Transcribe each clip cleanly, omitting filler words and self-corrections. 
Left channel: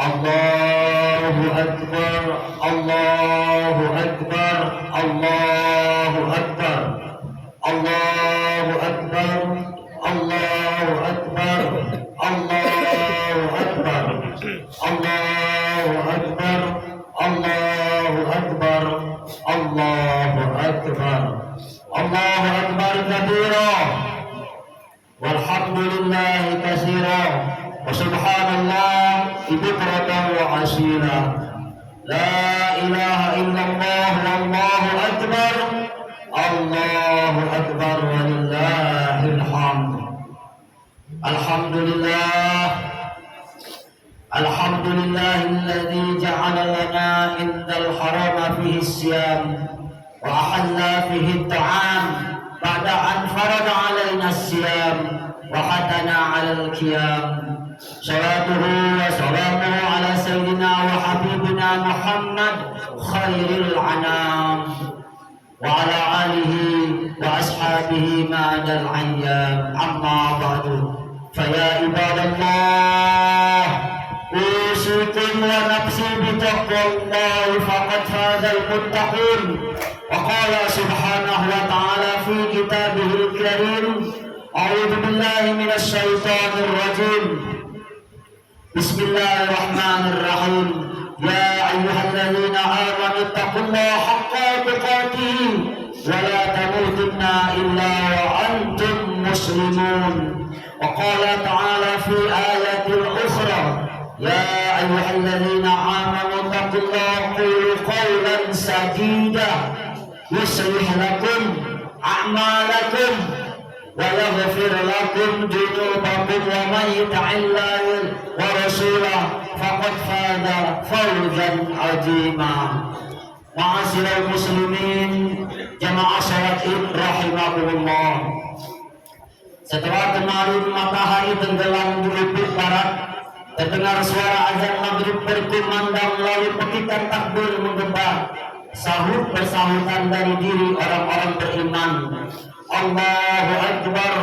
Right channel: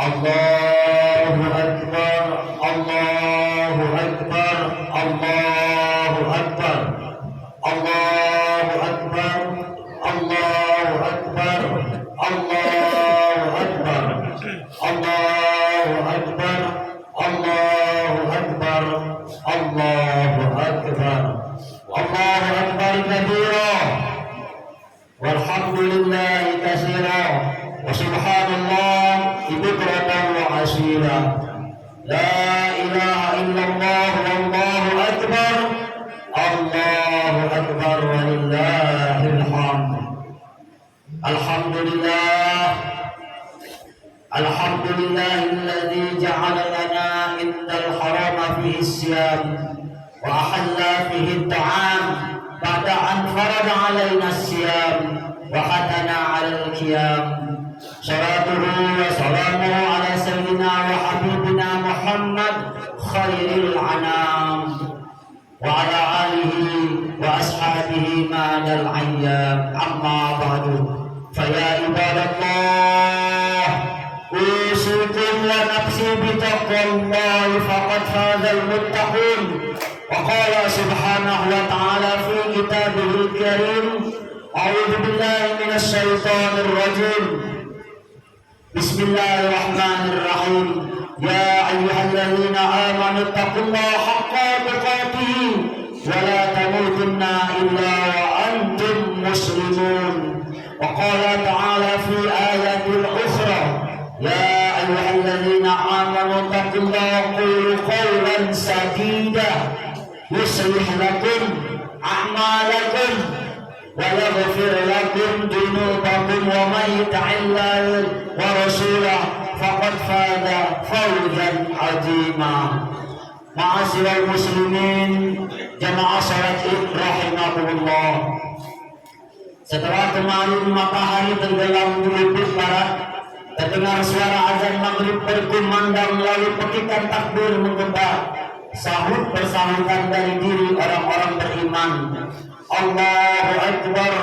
Allahu Akbar, Allahu Akbar, Allahu Akbar, Allahu Akbar, Allahu Akbar, Allahu Akbar, Allahu Akbar, Allahu Akbar, Allahu Akbar, Allahu Akbar kabira, walhamdulillahi katsira, wa subhanallah bukratan wa asila. La ilaha illallah wallahu akbar, Allahu akbar walillahil hamd. Alhamdulillah, alhamdulillahilladzi ja'ala lana indal harama fihi siyam wa ahalla fihi ta'am ba'da an farada alaina siyam wa hadana 'alal qiyam. Salatuhu wa salamuhu ala sayyidina wa habibina Muhammad khairil anam wa ala alihi wa ashabihi ma'adal ayyam. Amma ba'du, faya ibadallah, usikum wa nafsi bitaqwallahi faqad fazal muttaqun. Wa qala subhanahu wa ta'ala fi kitabihil karim, a'udzu billahi minasy syaithanir rajim. Bismillahirrahmanirrahim. Ya ayyuhalladzina amanu taqullaha haqqa tuqatih wa la tamutunna illa wa antum muslimun. Wa qala ta'ala fi ayatil ukhra, ya ayyuhalladzina amanu taqullaha qulu qawlan sadida yuslih lakum a'malakum wa yaghfir lakum dhunubakum wa may yuti'illah wa rasulahu faqad faza fawzan 'azima. Ma'asyiral muslimin, jamaah salat Id rahimakumullah. Setelah kemarin matahari tenggelam di ufuk barat, terdengar suara azan maghrib berkumandang, lalu petikan takbir menggema, sahut bersahutan dari diri orang-orang beriman. Allahu Akbar,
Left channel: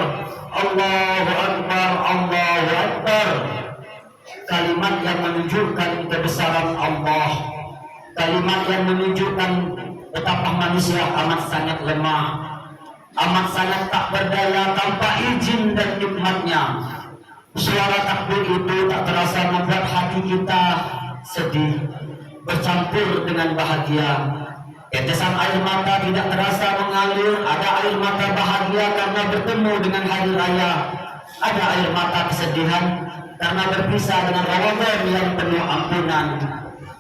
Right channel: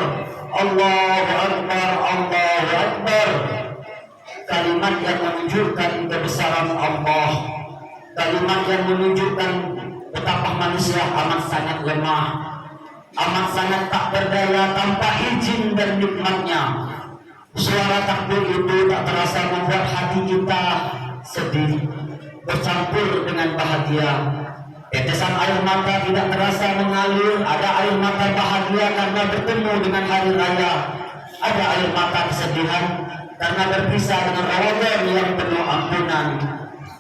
Allahu Akbar, Allahu Akbar. Kalimat yang menunjukkan kebesaran Allah, kalimat yang menunjukkan betapa manusia amat sangat lemah, amat sangat tak berdaya tanpa izin dan nikmatnya. Suara takbir itu tak terasa membuat hati kita sedih bercampur dengan bahagia. Tetesan air mata tidak terasa mengalir. Ada air mata bahagia karena bertemu dengan hari raya, ada air mata kesedihan karena berpisah dengan Ramadan yang penuh ampunan.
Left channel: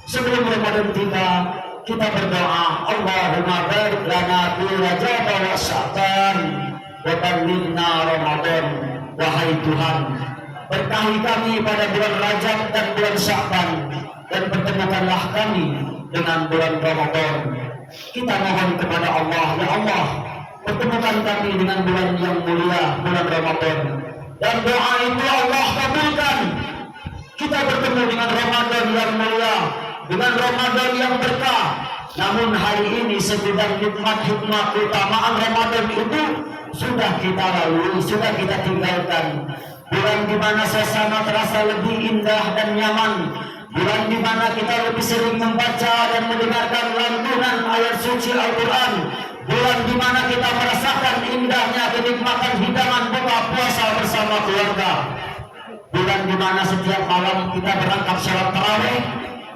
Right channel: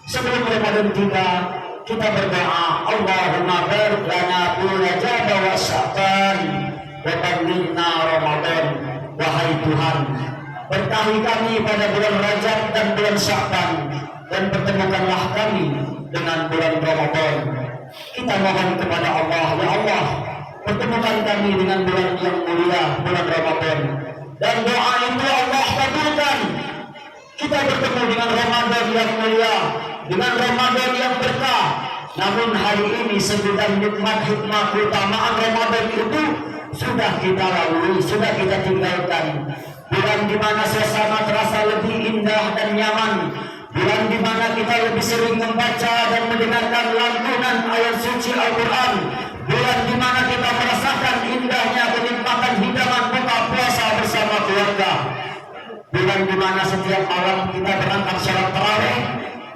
Sebelum Ramadan tiba, kita berdoa, Allahumma barik lana fi Rajab wa Sya'ban wa ballighna Ramadan. Wahai Tuhan, berkahi kami pada bulan Rajab dan bulan Sya'ban, dan pertemukanlah kami dengan bulan Ramadan. Kita mohon kepada Allah, ya Allah, pertemukan kami dengan bulan yang mulia, bulan Ramadan. Dan doa itu Allah kabulkan. Kita bertemu dengan Ramadan yang mulia, dengan Ramadan yang berkah. Namun hari ini segudang nikmat, hikmah, keutamaan Ramadan itu sudah kita lalui, sudah kita tinggalkan. Bulan di mana suasana terasa lebih indah dan nyaman, bulan di mana kita lebih sering membaca dan mendengarkan lantunan ayat suci Al-Quran, bulan di mana kita merasakan indahnya kenikmatan hidangan buka puasa bersama keluarga, bulan di mana setiap malam kita berangkat sholat tarawih,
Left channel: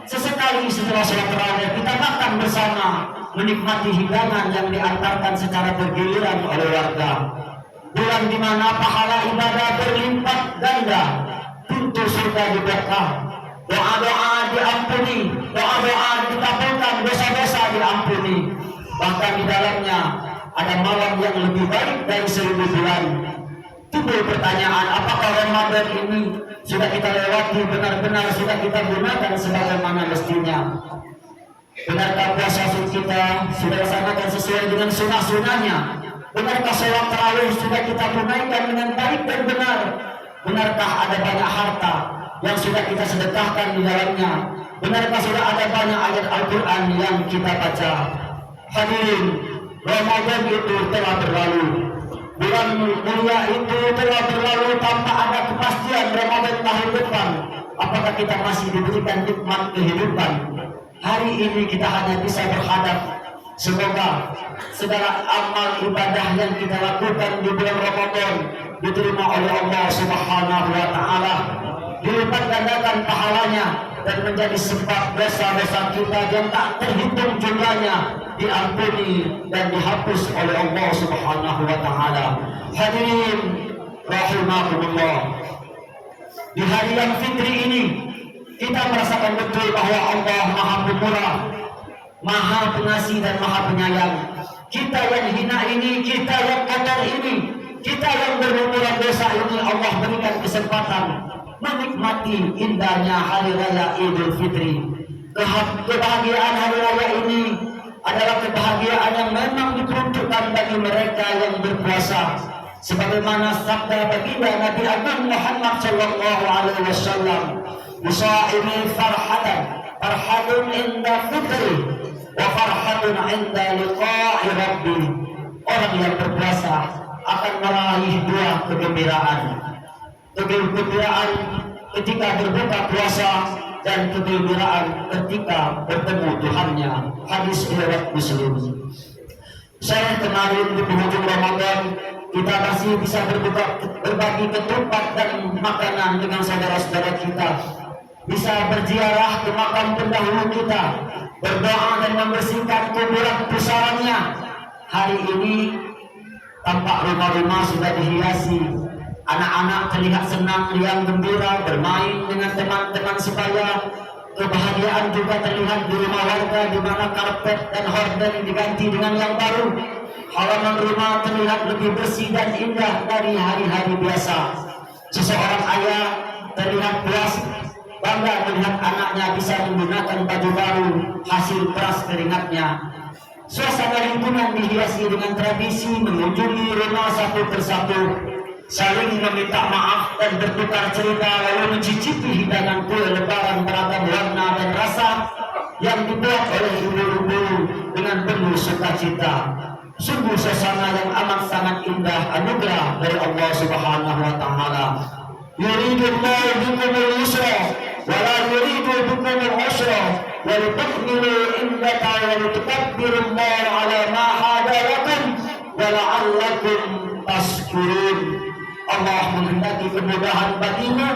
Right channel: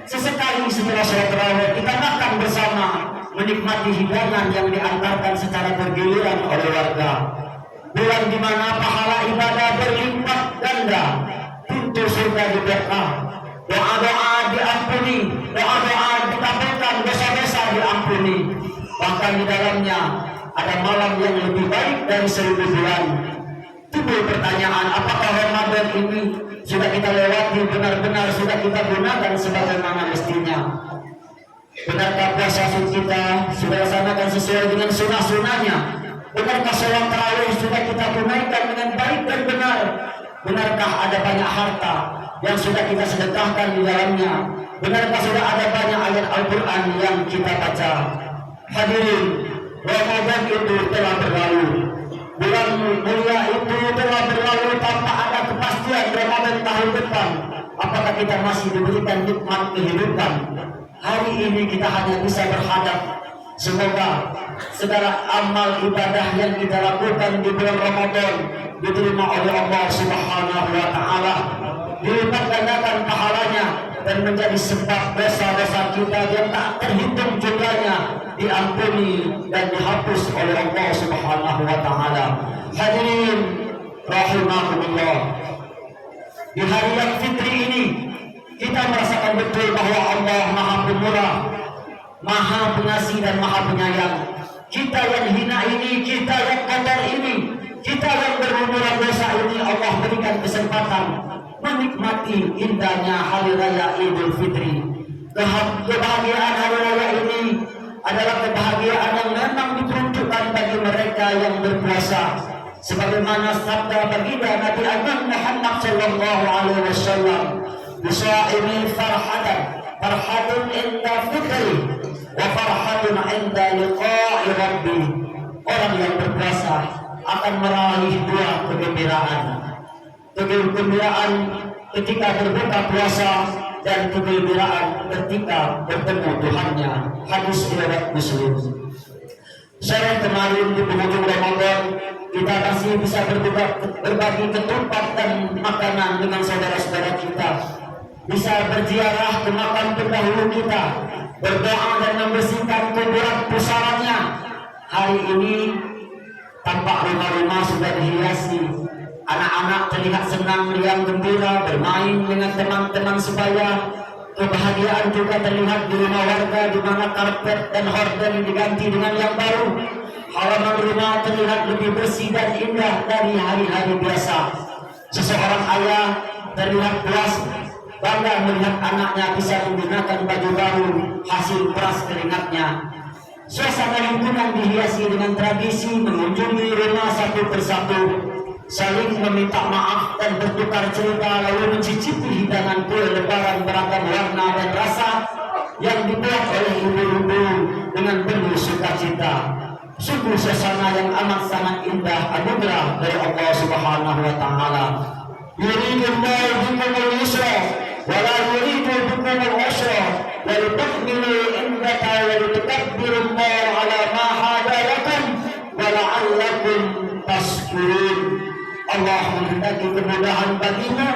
sesekali setelah sholat tarawih kita makan bersama, menikmati hidangan yang diantarkan secara bergiliran oleh warga. Bulan di mana pahala ibadah berlimpah ganda, pintu surga dibuka, doa-doa diampuni, doa-doa dikabulkan, dosa-dosa diampuni. Bahkan di dalamnya ada malam yang lebih baik dari 1000 bulan. Timbul pertanyaan, apakah Ramadan ini sudah kita lewati benar-benar, sudah kita gunakan sebagaimana mestinya? Benarkah puasa kita sudah laksanakan sesuai dengan sunnah-sunnahnya? Benarkah sholat tarawih sudah kita tunaikan dengan baik dan benar? Benarkah ada banyak harta yang sudah kita sedekahkan di dalamnya? Benarkah sudah ada banyak ayat Al-Quran yang kita baca? Hadirin, Ramadan itu telah berlalu. Bulan mulia itu telah berlalu tanpa ada kepastian Ramadan tahun depan. Apakah kita masih diberikan nikmat kehidupan? Hari ini kita hanya bisa berhadap. Semoga segala amal ibadah yang kita lakukan di bulan Ramadan diterima oleh Allah Subhanahu wa Ta'ala, dilipat gandakan pahalanya dan menjadi sebab dosa-dosa kita yang tak terhitung jumlahnya diampuni dan dihapus oleh Allah Subhanahu wa Ta'ala. Hadirin rahimakumullah, di hari yang fitri ini kita merasakan betul bahwa Allah Maha Pemurah, Maha Pengasih dan Maha Penyayang. Kita yang hina ini, kita yang kotor ini, kita yang berlumuran dosa ini, Allah berikan kesempatan menikmati indahnya hari raya Idul Fitri. Kebahagiaan hari raya ini adalah kebahagiaan yang memang diperuntukkan bagi mereka yang berpuasa. Sebagaimana sabda baginda Nabi Agung Muhammad sallallahu alaihi wasallam, "Bisaimi farhatun inda fitri wa farhatun inda liqa'i rabbi." Orang yang berpuasa akan meraih dua kegembiraan. Kegembiraan ketika berbuka puasa dan kegembiraan ketika bertemu Tuhannya. Hadis riwayat Muslim. Sore kemarin di penghujung Ramadan kita masih bisa berbagi ketupat dan makanan dengan saudara-saudara kita, bisa berziarah ke makam pendahulu kita, berdoa dan membersihkan kuburan pusarannya. Hari ini tampak rumah-rumah sudah dihiasi, anak-anak terlihat senang, riang, gembira, bermain dengan teman-teman sebaya. Kebahagiaan juga terlihat di rumah warga, di mana karpet dan horden diganti dengan yang baru. Halaman rumah terlihat lebih bersih dan indah dari hari-hari biasa. Seseorang ayah terlihat puas, bangga melihat anaknya bisa menggunakan baju baru hasil peras keringatnya. Suasana lingkungan dihiasi dengan tradisi mengunjungi rumah satu persatu, saling meminta maaf dan bertukar cerita, lalu mencicipi hidangan kue lebaran beragam warna dan rasa yang dibuat oleh ibu-ibu dengan penuh sukacita. Sungguh suasana yang amat sangat indah, anugerah dari Allah Subhanahu wa Ta'ala. Yuridullahu bikumul yusra wa la yuridu bikumul usra wa litukmilu iddata wa litukabbirullaha ala ma hadayakum wa la'allakum tashkurun. Allah menghendaki kemudahan bagimu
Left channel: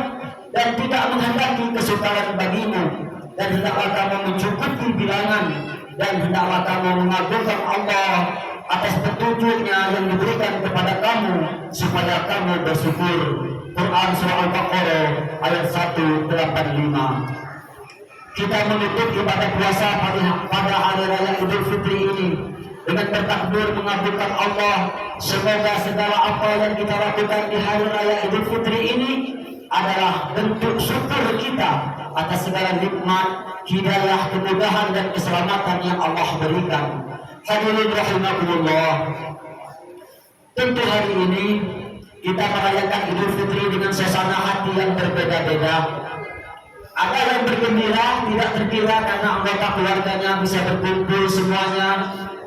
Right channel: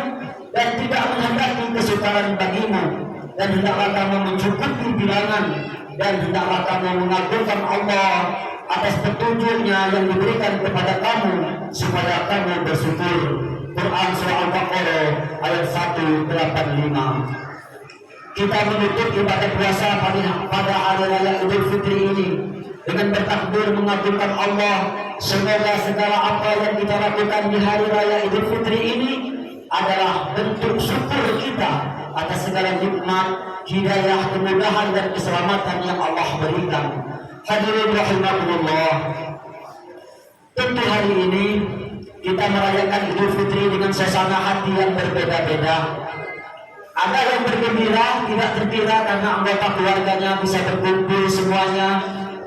dan tidak menghendaki kesukaran bagimu, dan hendaklah kamu mencukupi bilangan, dan hendaklah kamu mengagungkan Allah atas petunjuknya yang diberikan kepada kamu supaya kamu bersyukur. Quran Surah Al-Baqarah ayat 185. Kita menutup ibadah puasa pada hari raya Idul Fitri ini dengan bertakbir mengagungkan Allah. Semoga segala apa yang kita lakukan di hari raya Idul Fitri ini adalah bentuk syukur kita atas segala nikmat, hidayah, kemudahan dan keselamatan yang Allah berikan. Hadirin rahimakumullah, tentu hari ini kita merayakan Idul Fitri dengan suasana hati yang berbeda-beda. Ada yang bergembira, tidak terkira karena anggota keluarganya bisa berkumpul semuanya,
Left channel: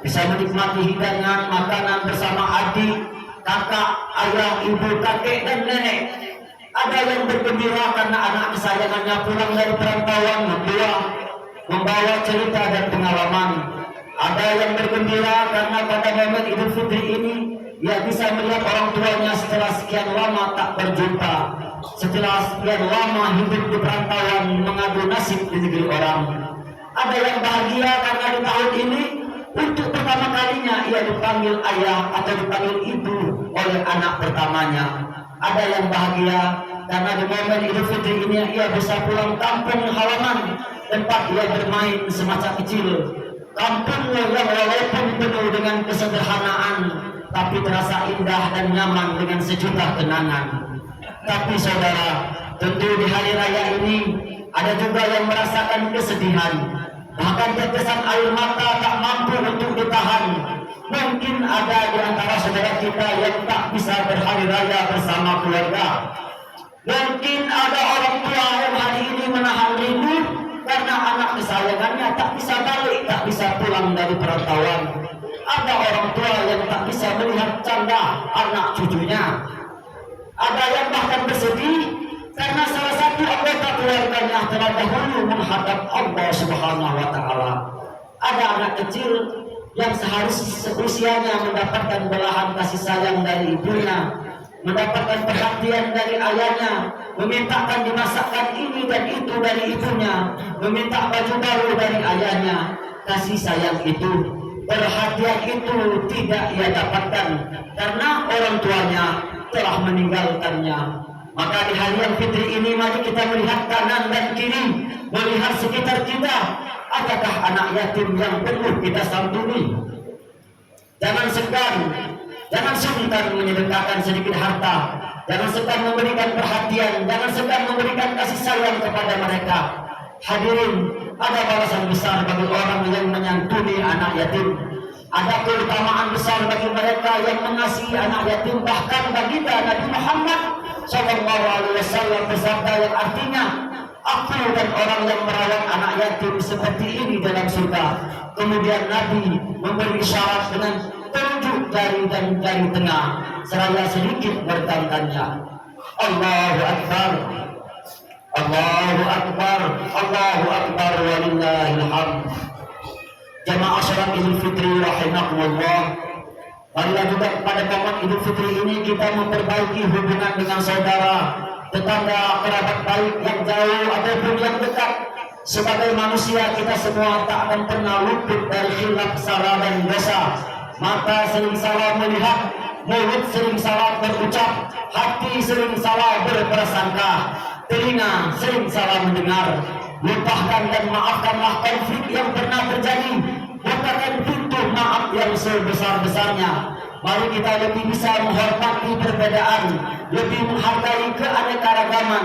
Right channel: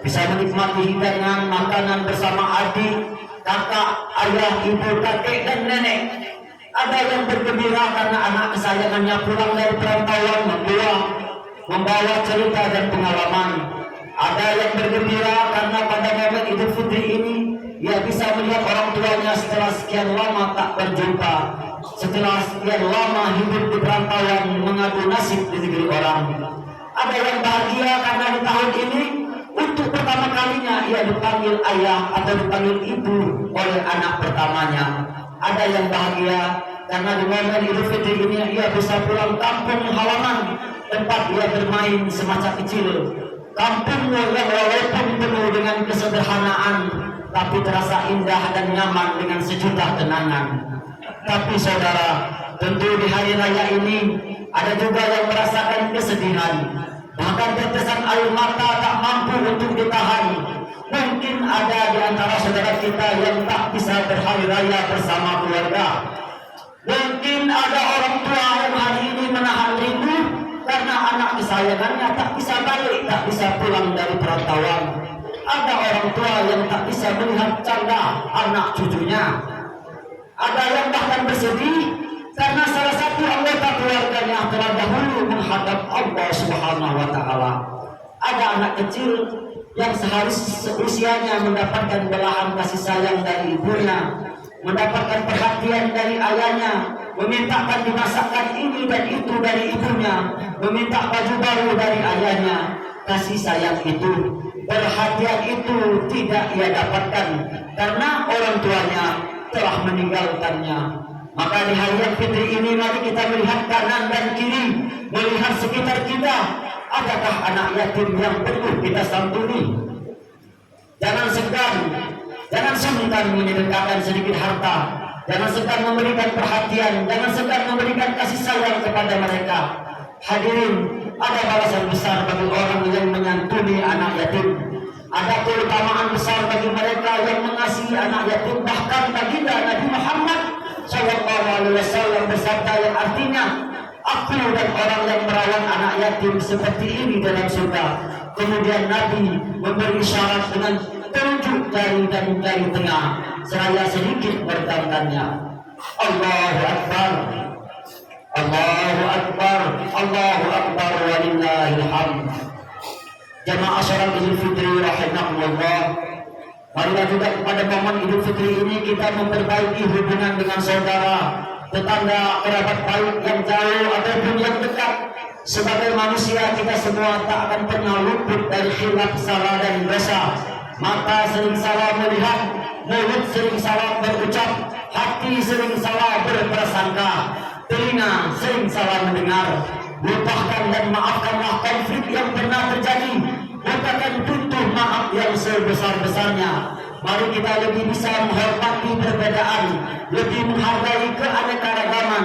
bisa menikmati hidangan makanan bersama adik, kakak, ayah, ibu, kakek, dan nenek. Ada yang bergembira karena anak kesayangannya pulang dari perantauan membawa cerita dan pengalaman. Ada yang bergembira karena pada momen Idul Fitri ini ia bisa melihat orang tuanya setelah sekian lama tak berjumpa, setelah sekian lama hidup di perantauan mengadu nasib di negeri orang. Ada yang bahagia karena di tahun ini untuk pertama kalinya ia dipanggil ayah atau dipanggil ibu oleh anak pertamanya. Ada yang bahagia karena di momen Idul Fitri ini ia bisa pulang kampung halaman tempat ia bermain semasa kecil. Kampungnya yang walaupun penuh dengan kesederhanaan tapi terasa indah dan nyaman dengan sejuta kenangan. Tapi saudara, tentu di hari raya ini ada juga yang merasakan kesedihan, bahkan tetesan air mata tak mampu untuk ditahan. Mungkin ada di antara saudara kita yang tak bisa berhari raya bersama keluarga. Mungkin ada orang tua yang hari ini menahan rindu karena anak kesayangannya tak bisa balik, tak bisa pulang dari perantauan. Ada orang tua yang tak bisa melihat canda anak cucunya. Ada yang bahkan bersedih karena salah satu anggota keluarganya telah dahulu menghadap Allah Subhanahu wa Ta'ala. Ada anak kecil yang seharusnya usianya mendapatkan belahan kasih sayang dari ibunya, mendapatkan perhatian dari ayahnya, memintakan dimasakkan ini dan itu dari ibunya, meminta baju baru dari ayahnya. Kasih sayang itu, perhatian itu tidak ia dapatkan karena orang tuanya telah meninggalkannya. Maka di hari yang fitri ini mari kita melihat kanan dan kiri, melihat sekitar kita. Adakah anak yatim yang perlu kita santuni? Jangan segan, jangan sungkan menyedekahkan sedikit harta, jangan segan memberikan perhatian, jangan segan memberikan kasih sayang kepada mereka. Hadirin, ada balasan besar bagi orang yang menyantuni anak yatim. Ada keutamaan besar bagi mereka yang mengasihi anak yatim. Bahkan baginda Nabi Muhammad SAW bersabda yang artinya, aku dan orang yang merawat anak yatim seperti ini dalam surga. Kemudian Nabi memberi syarat dengan telunjuk jari dan jari tengah seraya sedikit bertandanya. Allahu Akbar, Allahu Akbar, Allahu Akbar, walillahil hamd. Jamaah salat Idul Fitri rahimakumullah. Marilah juga pada momen Idul Fitri ini kita memperbaiki hubungan dengan saudara, tetangga, kerabat baik yang jauh ataupun yang dekat. Sebagai manusia kita semua tak akan pernah luput dari khilaf, salah dan dosa. Mata sering salah melihat, mulut sering salah berucap, hati sering salah berprasangka, telinga sering salah mendengar. Lupakan dan maafkanlah konflik yang pernah terjadi. Bukakan pintu maaf yang sebesar-besarnya. Mari kita lebih bisa menghormati perbedaan, lebih menghargai keanekaragaman.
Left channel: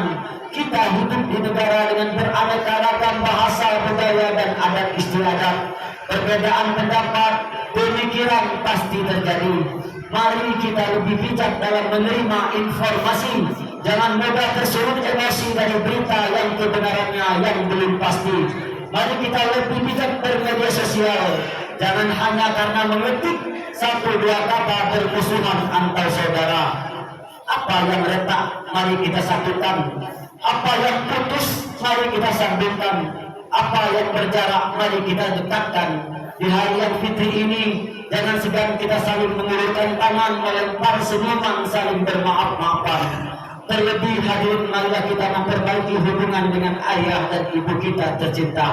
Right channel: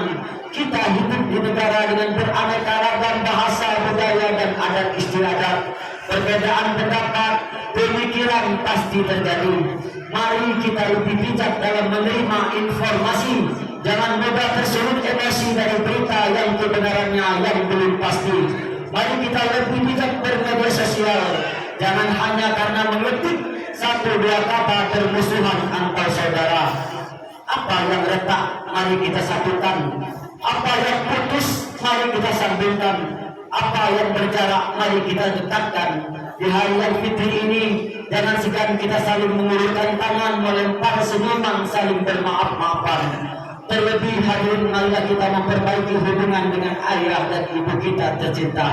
Kita hidup di negara dengan beraneka ragam bahasa, budaya, dan adat istiadat. Perbedaan pendapat, pemikiran pasti terjadi. Mari kita lebih bijak dalam menerima informasi. Jangan mudah tersulut emosi dari berita yang kebenarannya yang belum pasti. Mari kita lebih bijak bermedia sosial. Jangan hanya karena mengetik satu dua kata bermusuhan antar saudara. Apa yang retak, mari kita satukan. Apa yang putus, mari kita sambungkan. Apa yang berjarak, mari kita dekatkan. Di hari yang fitri ini, jangan segan kita saling mengulurkan tangan, melempar senyuman, saling bermaaf-maafan. Terlebih hadirin, marilah kita memperbaiki hubungan dengan ayah dan ibu kita tercinta.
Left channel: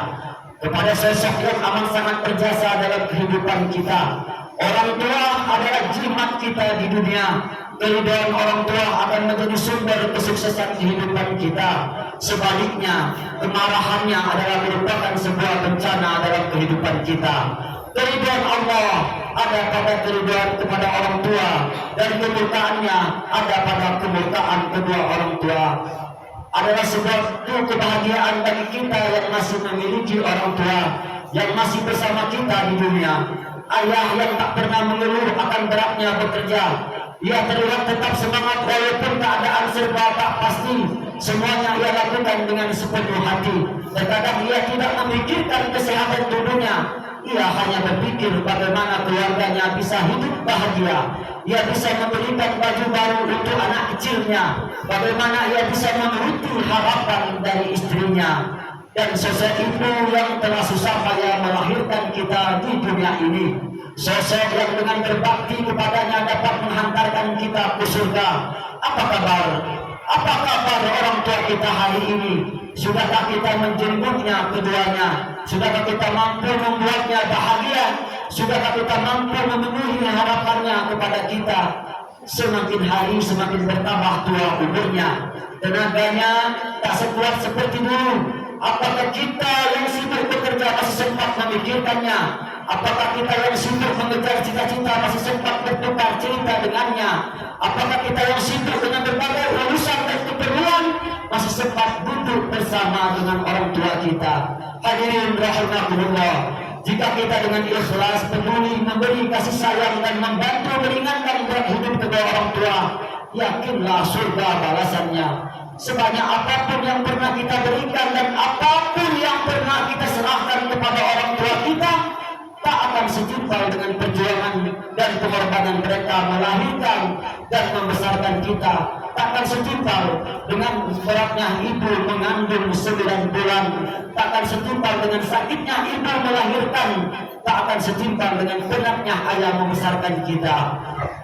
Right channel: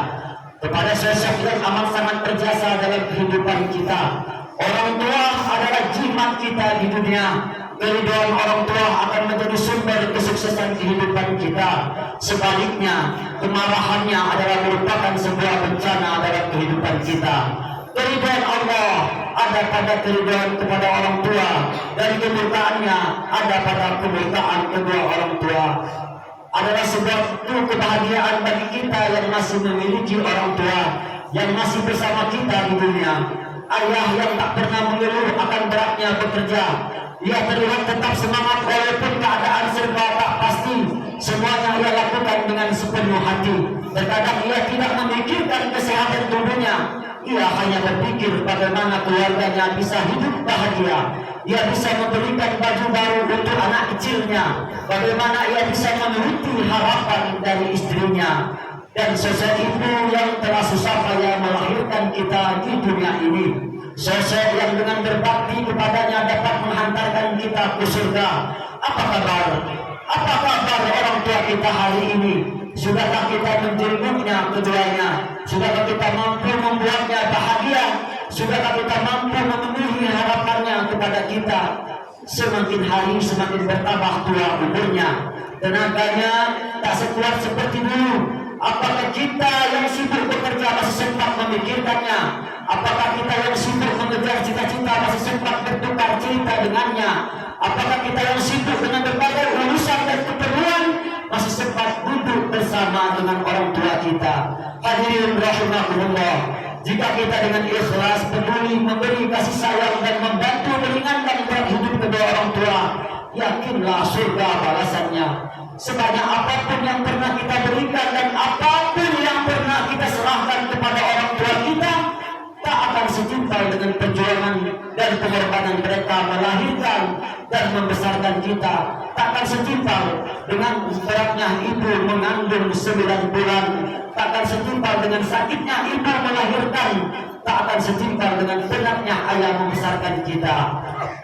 Kepada sosok yang amat sangat berjasa dalam kehidupan kita. Orang tua adalah jimat kita di dunia. Keridhaan orang tua akan menjadi sumber kesuksesan kehidupan kita. Sebaliknya, kemarahannya adalah merupakan sebuah bencana dalam kehidupan kita. Keridhaan Allah ada pada keridhaan kepada orang tua, dan kemurkaannya ada pada kemurkaan kedua orang tua. Adalah suatu kebahagiaan bagi kita yang masih memiliki orang tua yang masih bersama kita di dunia. Ayah yang tak pernah mengeluh akan beratnya bekerja. Ia terlihat tetap semangat walaupun keadaan serba tak pasti. Semuanya ia lakukan dengan sepenuh hati. Terkadang ia tidak memikirkan kesehatan tubuhnya. Ia hanya berpikir bagaimana keluarganya bisa hidup bahagia. Ia bisa memberikan baju baru untuk anak kecilnya. Bagaimana ia bisa menuruti harapan dari istrinya. Dan sosok ibu yang telah susah payah melahirkan kita di dunia ini. Sosok yang dengan berbakti kepadanya dapat menghantarkan kita ke surga. Apa kabar? Apa kabar orang tua kita hari ini? Sudahkah kita menjenguknya keduanya? Sudahkah kita mampu membuatnya bahagia? Sudahkah kita mampu memenuhi harapannya kepada kita? Semakin hari semakin bertambah tua umurnya, tenaganya tak sekuat seperti dulu. Apakah kita yang sibuk bekerja masih sempat memikirkannya? Apakah kita yang sibuk mengejar cita-cita masih sempat bertukar cerita dengannya? Apakah kita yang sibuk dengan berbagai urusan dan keperluan masih sempat duduk bersama dengan orang tua kita? Hadirin rahimakumullah, jika kita dengan ikhlas, peduli, memberi kasih sayang dan membantu meringankan berat hidup kedua orang tua, yakinlah surga balasannya. Sebanyak apapun yang pernah kita berikan dan apapun yang pernah kita serahkan kepada orang tua kita, tak akan setimpal dengan perjuangan dan pengorbanan mereka melahirkan dan membesarkan kita takkan setimpal dengan beratnya ibu mengandung 9 bulan, takkan setimpal dengan sakitnya ibu melahirkan, tak akan setimpal dengan beratnya ayah membesarkan kita.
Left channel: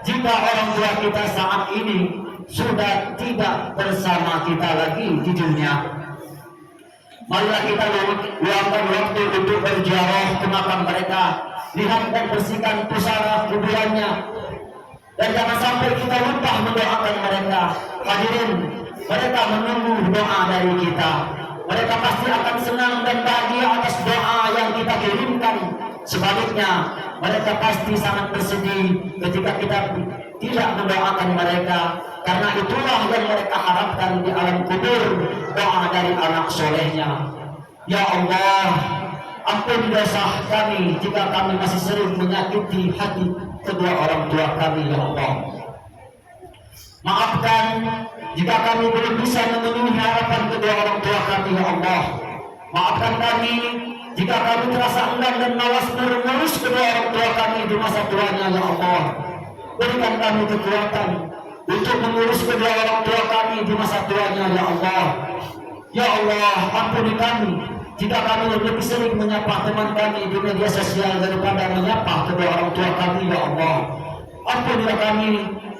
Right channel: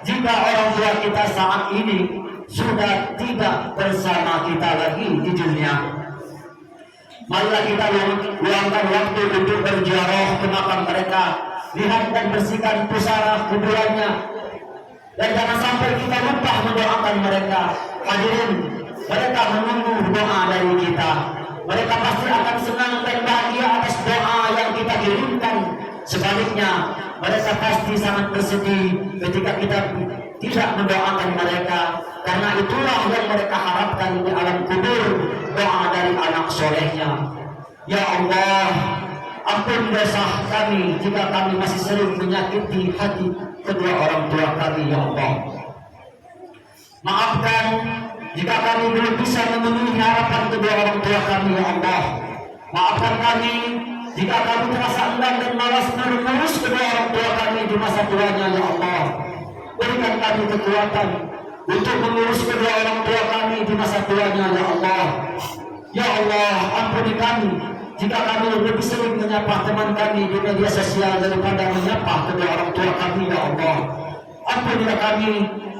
Jika orang tua kita saat ini sudah tidak bersama kita lagi di dunia, marilah kita luangkan waktu untuk berziarah ke makam mereka, lihat dan bersihkan pusara kuburannya, dan jangan sampai kita lupa mendoakan mereka. Hadirin, mereka menunggu doa dari kita. Mereka pasti akan senang dan bahagia atas doa yang kita kirimkan. Sebaliknya, mereka pasti sangat bersedih ketika kita tidak mendoakan mereka, karena itulah yang mereka harapkan di alam kubur, doa dari anak solehnya. Ya Allah, ampun dosa kami jika kami masih sering menyakiti hati kedua orang tua kami, ya Allah. Maafkan jika kami belum bisa memenuhi harapan kedua orang tua kami, ya Allah. Maafkan kami jika kami terasa enggan dan malas mengurus kedua orang tua kami di masa tuanya, ya Allah. Berikan kami kekuatan untuk mengurus kedua orang tua kami di masa tuanya, ya Allah. Ya Allah, ampuni kami jika kami lebih sering menyapa teman kami di media sosial daripada menyapa kedua orang tua kami, ya Allah. Ampunilah kami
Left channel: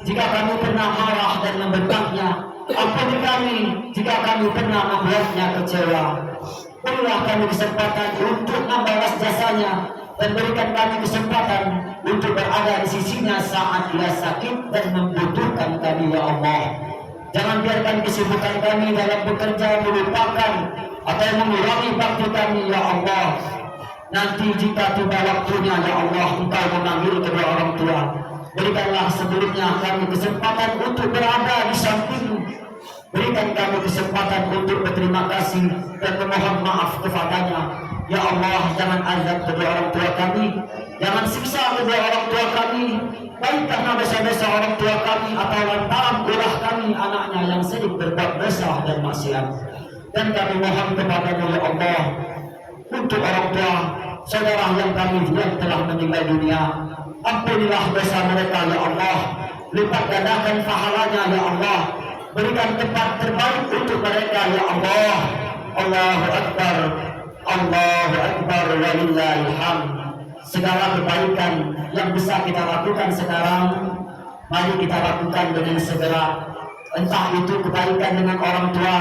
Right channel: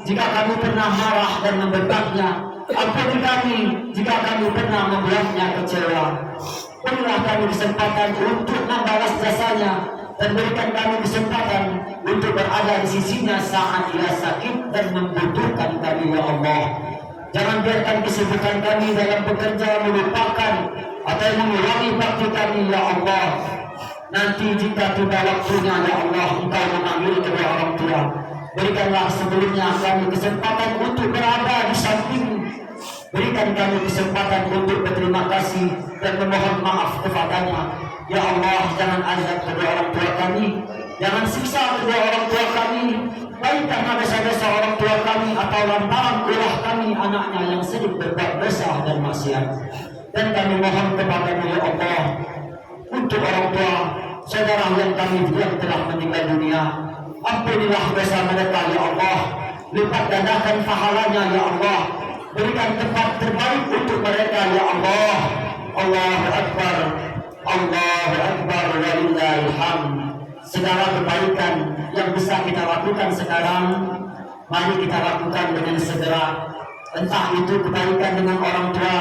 jika kami pernah marah dan membedaknya. Ampuni kami jika kami pernah membuatnya kecewa. Berilah kami kesempatan untuk membalas jasanya, dan berikan kami kesempatan untuk berada di sisinya saat ia sakit dan membutuhkan kami, ya Allah. Jangan biarkan kesibukan kami dalam bekerja melupakan atau mengurangi bakti kami, ya Allah. Nanti jika tiba waktunya, ya Allah, Engkau memanggil kedua orang tua, berikanlah sebelumnya kami kesempatan untuk berada di samping. Berikan kami kesempatan untuk berterima kasih dan memohon maaf kepadanya. Ya Allah, jangan azab kedua orang tua kami, jangan siksa kedua orang tua kami, baik karena dosa-dosa orang tua kami atau lantaran ulah kami anaknya yang sering berbuat dosa dan maksiat. Dan kami mohon kepada-Mu, ya Allah, untuk orang tua saudara yang kami yang telah meninggal dunia, ampunilah dosa mereka, ya Allah. Lipat gandakan pahalanya, ya Allah. Berikan tempat terbaik untuk mereka, ya Allah. Allahu Akbar, Allahu Akbar, walillahil hamd. Segala kebaikan yang bisa kita lakukan sekarang, mari kita lakukan dengan segera. Entah itu kebaikan dengan orang tua,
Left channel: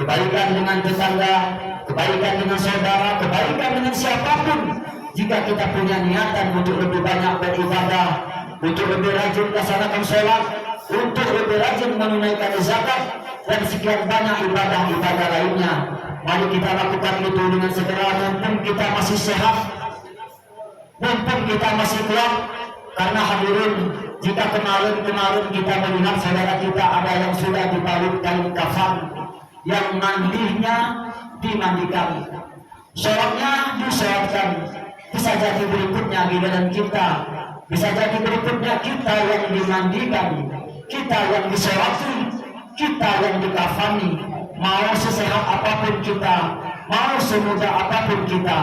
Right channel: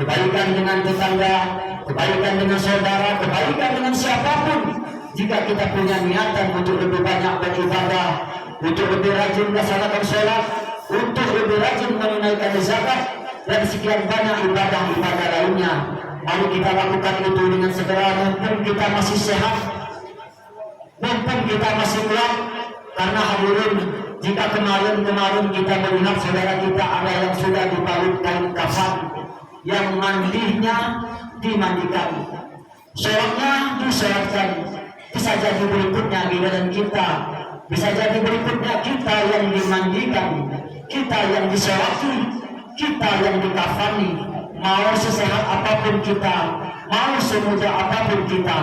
kebaikan dengan tetangga, kebaikan dengan saudara, kebaikan dengan siapapun. Jika kita punya niatan untuk lebih banyak beribadah, untuk lebih rajin melaksanakan sholat, untuk lebih rajin menunaikan zakat, dan sekian banyak ibadah-ibadah lainnya, mari kita lakukan itu dengan segera. Mumpung kita masih sehat, mumpung kita masih kuat. Karena hadirin, jika kemarin kita melihat saudara kita ada yang sudah dibalut kain kafan, yang mandinya dimandikan, sholatnya disolatkan, bisa jadi berikutnya di dalam kita, bisa jadi berikutnya kita yang dimandikan, kita yang disolati, kita yang dikafani. Mau sesehat apapun kita, mau semudah apapun kita,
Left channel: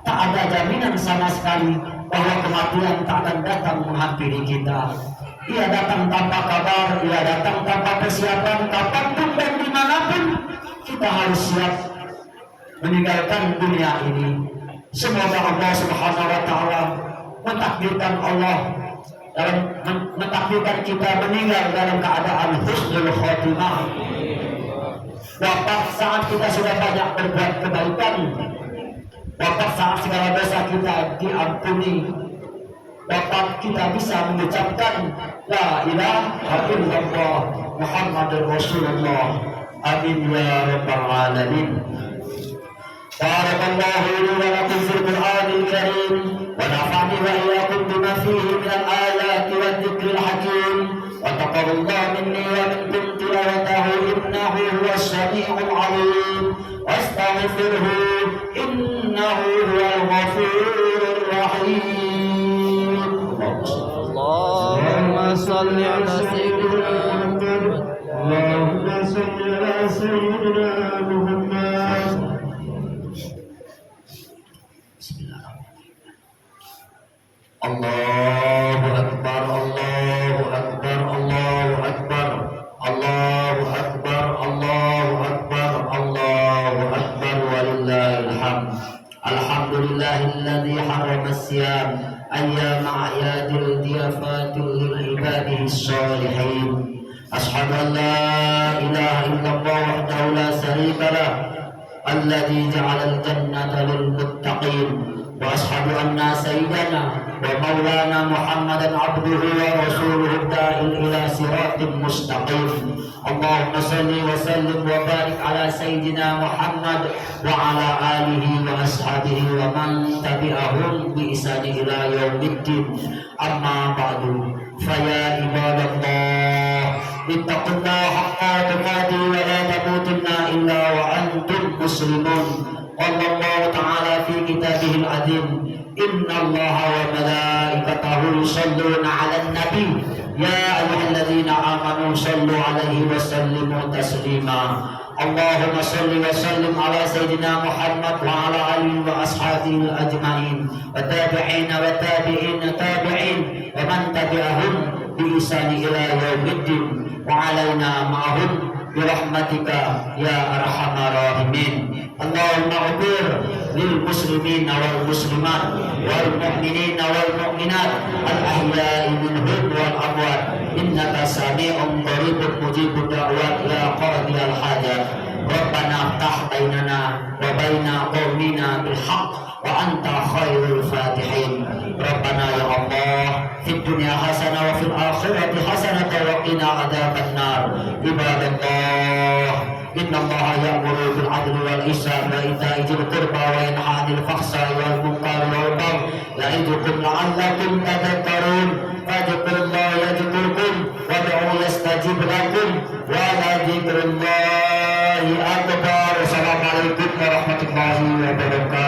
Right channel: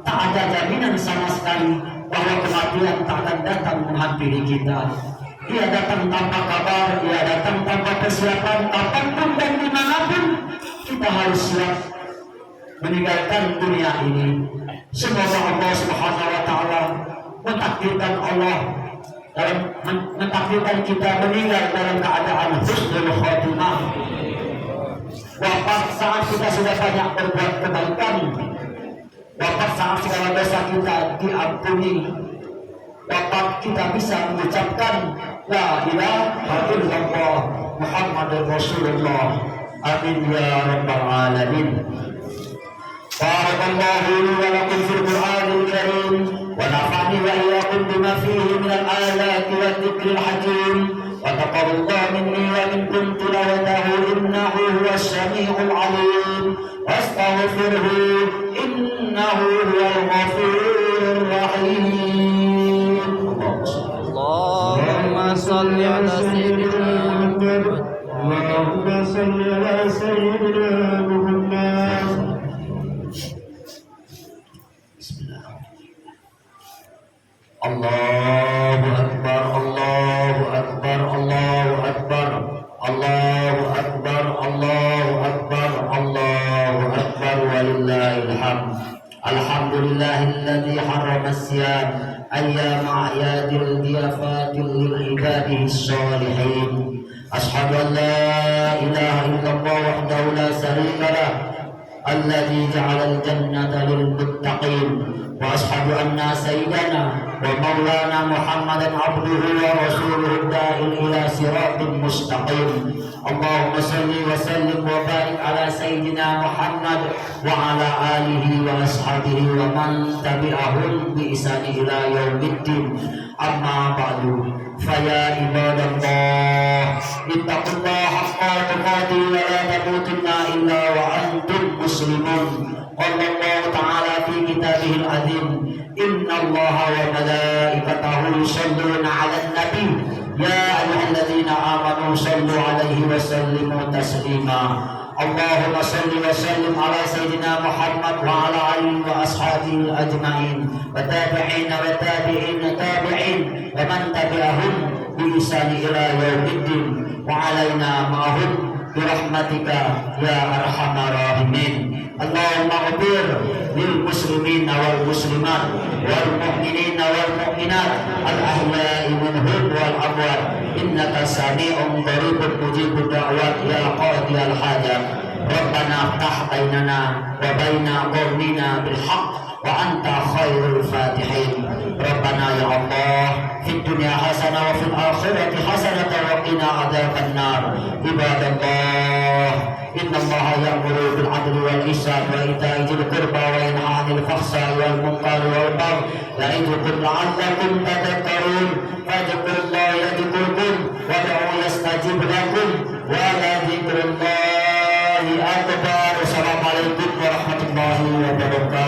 tak ada jaminan sama sekali bahwa kematian tak akan datang menghampiri kita. Ia datang tanpa kabar, ia datang tanpa persiapan. Kapanpun dan dimanapun kita harus siap meninggalkan dunia ini. Semoga Allah Subhanahu wa Ta'ala mentakdirkan mentakdirkan kita meninggal dalam keadaan husnul khotimah. Wafat saat kita sudah banyak berbuat kebaikan, wafat saat segala dosa kita diampuni, wafat kita bisa mengucapkan la ilaha illallah Muhammadur Rasulullah. Amin ya rabbal alamin. Barakallahu li wa lakum fil Qur'anil Karim wa nafa'ani wa iyyakum bima fihi min al-ayati wadh-dhikril hakim. Wa taqabbalallahu minni wa minkum tilawatahu innahu huwas sami'ul 'alim. Wastaghfirhu innahu huwal ghafurur rahim. Allahumma salli ala sayyidina Muhammad. Allahumma salli ala sayyidina Muhammad. Allahu Allahu Akbar, Allahu Akbar, Allahu Akbar, walillahil hamd. Alhamdulillahilladzi harrama as-siyam ayyama a'yadil diyafatil lil ibadihi sholihin. Ashhadu an la ilaha illallah wahdahu la syarika lah alladzi ja'alal jannata lil muttaqin. Wa ashhadu anna sayyidana wa maulana Muhammadan abduhu wa rasuluhu da'il ila siratin mustaqim. Allahumma salli wa sallim wa barik ala sayyidina Muhammad wa ala alihi wa ashabihi wa man tabi'ahum bi ihsani ila yaumiddin. Amma ba'du, fa ya ibadallah, ittaqullaha haqqa tuqatih wa la tamutunna illa wa antum muslimun. Qala Allah ta'ala fi kitabihil azim, inna Allaha wa malaikatahu yusholluna 'alan nabi ya ayyuhalladzina amanu shallu 'alaihi wa sallimu taslima. Allahumma shalli wa sallim ala sayyidina Muhammad wa ala alihi wa ashabihi ajma'in wa tabi'ina wa tabi'in tabi'in wa man tabi'ahum bi ihsani ila yaumiddin wa alaina ma'ahum bi rahmatika ya arhamar rahimin. Allahumma ighfir lil muslimin wal muslimat wal mu'minin wal mu'minat al ahya'i minhum wal amwat innaka sami'un qaribun mujibud da'wat ya qadiyal hajat. Rabbana iftah bainana wa baina qaumina bil haqq wa anta khairul fatihin. Rabbana ya Allah, fid dunya hasanah wa fil akhirati hasanah wa qina adzaban nar. Ibadallah, inna Allaha ya'muru bil 'adli wal ihsani wa ita'i dzil qurba wa yanha 'anil fahsya'i wal munkari wal baghi ya'idukum la'allakum tadhakkarun. Fadhkurullaha yadhkurkum wad'uhu yastajib lakum wa la dzikrullahi akbar. Assalamualaikum warahmatullahi wabarakatuh.